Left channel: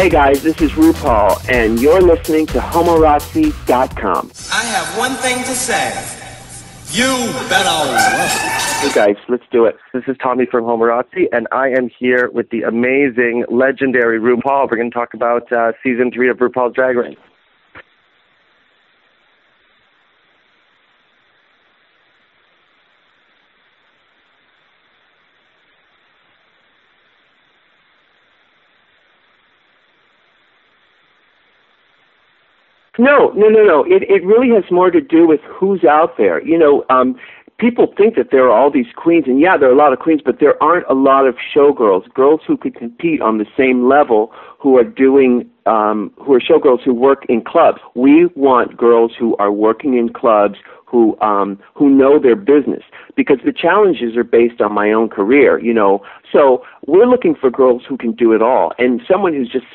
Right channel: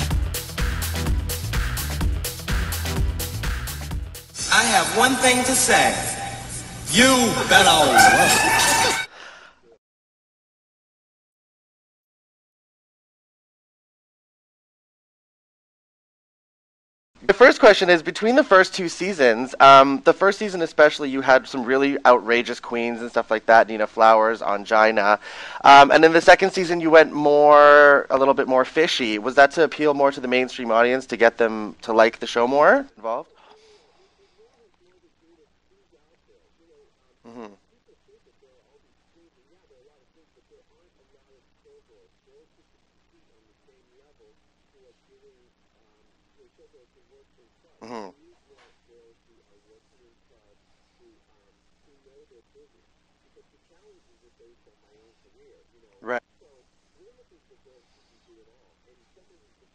Hey guys, this is RuPaul, and you're listening to Homorazzi.com. I have one thing to say. You better work. Hey guys, let's do it. This is Tommy from Homorazzi, and I am here with the amazing, legendary RuPaul. We're going to talk about Season 3 of RuPaul's Drag Race. The first question is, between the first two seasons, the first season especially, you had some really outrageous queens and stuff like that, Nina Flowers, Angina. And in the second season, you went a little bit more fishy. Was that to appeal more to the mainstream audience, to get them to like the show more? No. It really has more to do with who's out there. People think that there are all these queens, and yeah, there are a lot of queens, but there aren't a lot of showgirls, girls who could compete on the same level, who are showgirls who work in clubs. We want girls who are working in clubs, who know their business, because the challenges are based on my own career, Right. So we're looking for girls who can do it all, and someone who's just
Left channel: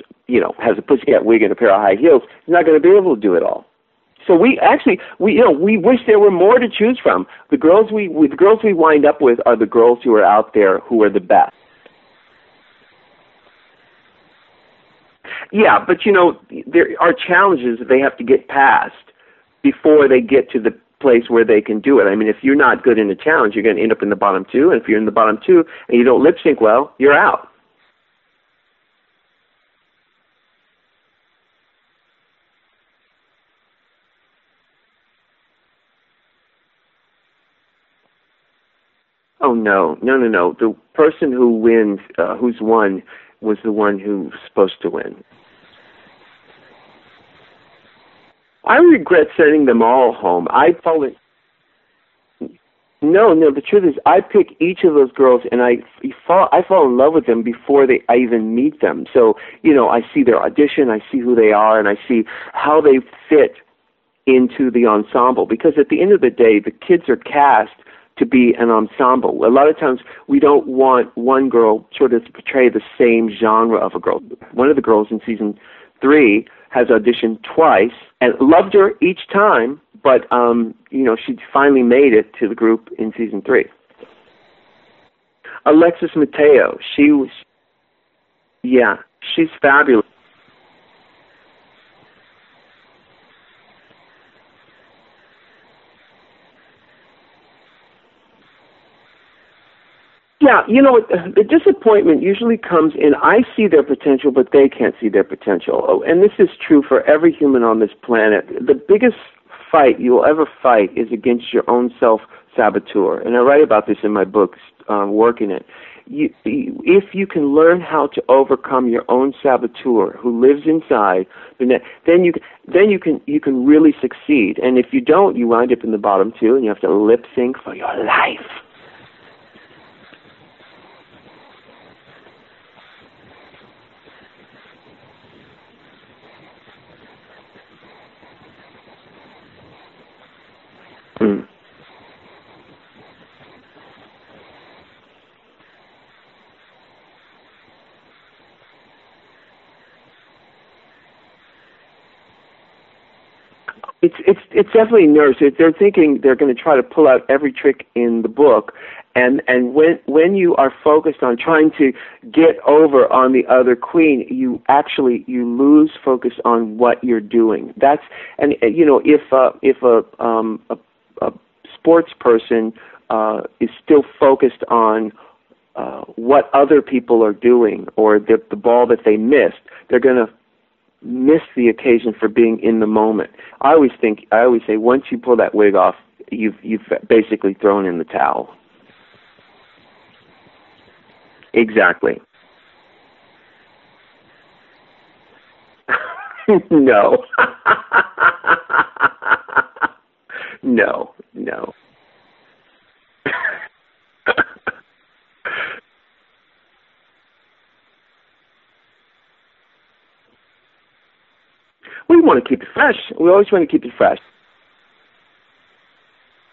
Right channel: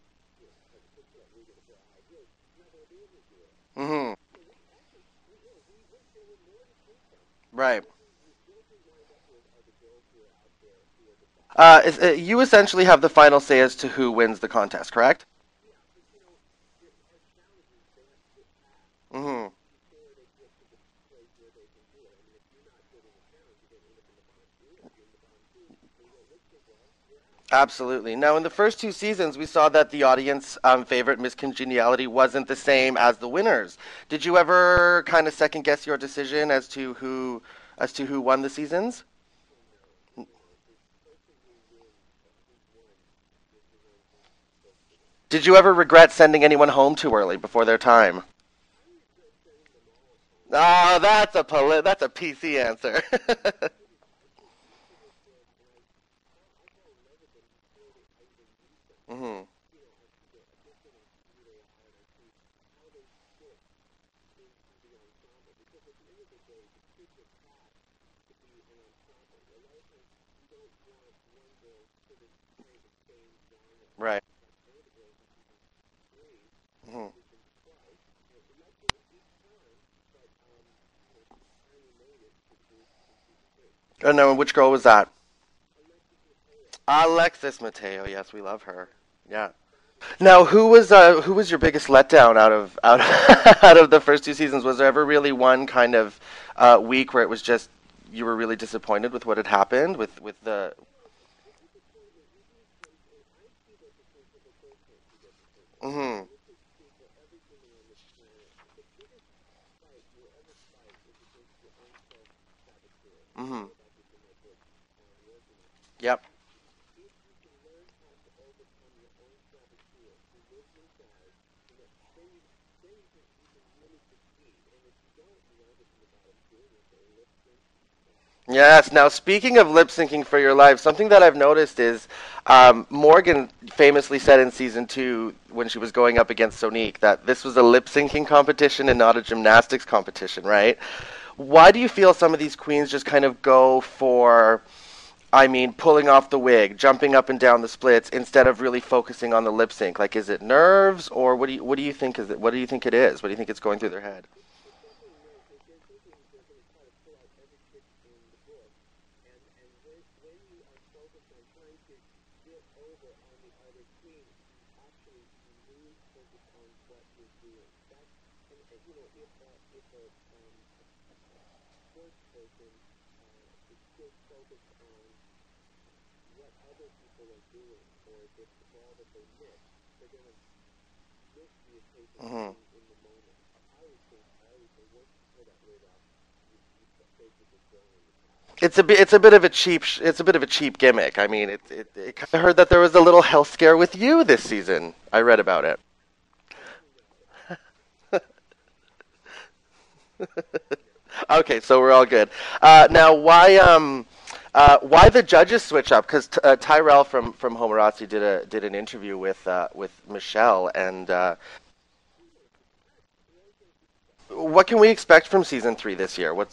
has a pussycat wig and a pair of high heels is not going to be able to do it all. Mm-hmm. So we wish there were more to choose from. The girls we wind up with are the girls who are out there who are the best. You essentially have the final say as to who wins the contest, correct? Yeah, but there are challenges that they have to get past before they get to the place where they can do it. I mean, if you're not good in a challenge, you're going to end up in the bottom two, and if you're in the bottom two and you don't lip sync well, you're out. Absolutely. Now, in the first two seasons, we saw that the audience favorite, Miss Congeniality, wasn't the same as the winners. Did you ever kind of second guess your decision as to who won the seasons? Oh no. The person who wins, who's won, was the one who was supposed to win. Did you ever regret sending anyone home too early, before their time? I regret sending them all home. That's a PC answer. No. The truth is, I pick each of those girls, and I fall in love with them before I even meet them. So, I see their audition, I see who they are, and I see how they fit into the ensemble. Because at the end of the day, the kids are cast to be an ensemble. A lot of times, we don't want one girl sort of to portray the same genre of a girl. One of the girls in Season 3 has auditioned twice and loved her each time, but she finally made it to the group in Season 3. Oh no, which girl was that? Alexis Mateo. Alexis Mateo, yes, we love her. Yeah, she's fabulous. Now, who was your biggest letdown out of the first two seasons? Was there ever really one kind of week where it was just you were really disappointed with what had happened? Yeah, the disappointment usually comes in, I see their potential, but they can't see their potential. Mm-hmm. And this is true for every human on this planet. The biggest fight you will ever fight is against your own self-saboteur. And I write about this in my book, Working It. Yep. If you can learn how to overcome your own saboteur who lives inside, then you can really succeed. And if you don't, you wind up in the bottom two, and you have to lip sync for your life. Yes. Now, speaking of lip syncing for your life, something that I've noticed is Morgan famously said in Season 2 when she was going up against Sonique that this was a lip syncing competition and not a gymnastics competition, right? Mm. Why do you feel some of these queens just kind of go for, pulling off the wig, jumping up and down the splits, instead of really focusing on the lip sync? Like, is it nerves, or what do you think is it? What do you think it is? What do you think it's going through their head? It's definitely nerves. They're thinking they're going to try to pull out every trick in the book, and when you are focused on trying to get over on the other queen, you lose focus on what you're doing. If a sports person is still focused on what other people are doing, or the ball that they missed, they're going to miss the occasion for being in the moment. I always say, once you pull that wig off, you've basically thrown in the towel. It's a bit of a cheap gimmick. Exactly. I heard that there was a little health scare with you this season. I read about it. No. No. Okay, no. So we're all good. Now, why the judges switch up? Because Tyrell from Homorazzi did an interview with Michelle, and we want to keep it fresh. We always want to keep it fresh. What can we expect from Season 3 this year? Well,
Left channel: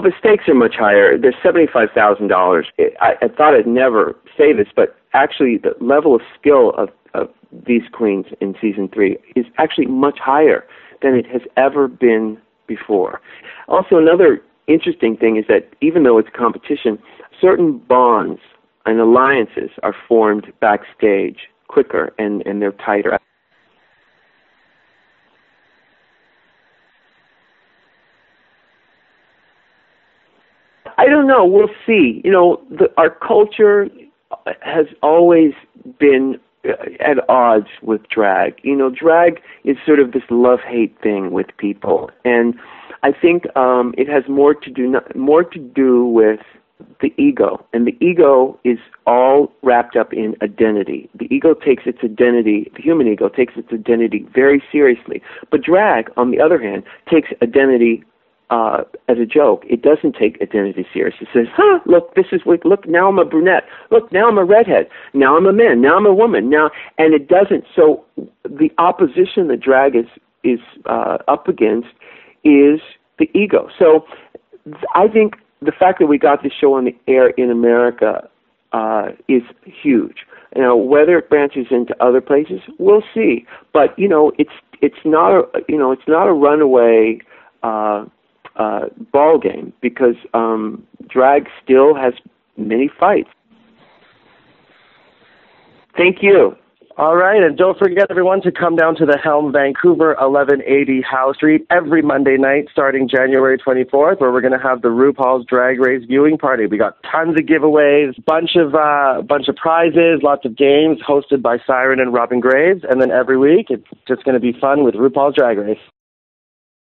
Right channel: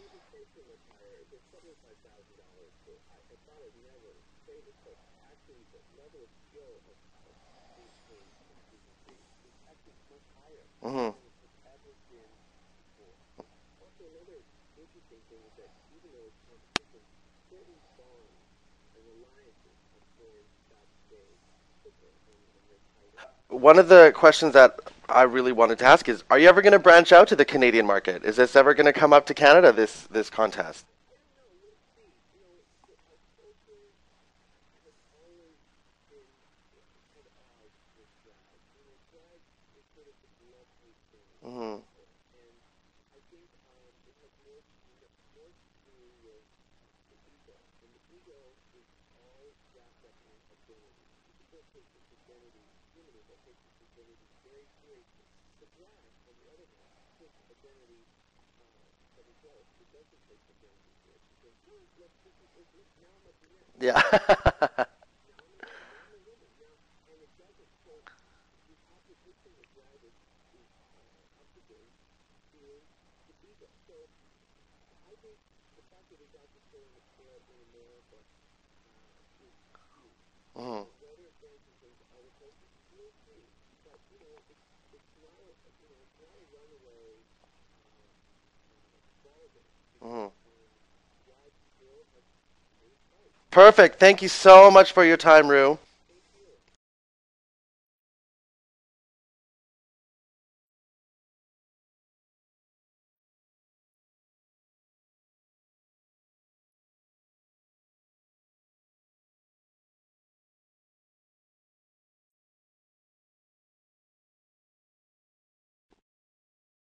the stakes are much higher. There's $75,000. I thought I'd never say this, but actually the level of skill of these queens in Season 3 is actually much higher than it has ever been before. Also, another interesting thing is that even though it's competition, certain bonds and alliances are formed backstage quicker and they're tighter. One of the questions that I really wanted to ask is, are you ever going to branch out to the Canadian market? Is this ever going to come up to Canada, this contest? I don't know. We'll see. You know, our culture has always been at odds with drag. You know, drag is sort of this love-hate thing with people, and I think it has more to do with the ego, and the ego is all wrapped up in identity. The ego takes its identity, the human ego takes its identity very seriously. But drag, on the other hand, takes identity as a joke. It doesn't take identity serious. It says, look, look, now I'm a brunette. Yeah. Look, now I'm a redhead. Now I'm a man. Now I'm a woman. And it doesn't. So the opposition that drag is up against is the ego. So I think the fact that we got this show on the air in America is huge. You know, whether it branches into other places, we'll see. But it's not a runaway ball game, because drag still has many fights. Perfect. Thank you so much for your time, Ru. Thank you. All right, and don't forget, everyone, to come down to the Helm, Vancouver, 1180 Howe Street every Monday night starting January 24th, where we're going to have the RuPaul's Drag Race viewing party. We got tons of giveaways, bunch of prizes, lots of games hosted by Siren and Robin Graves, and then every week it's just going to be fun with RuPaul's Drag Race.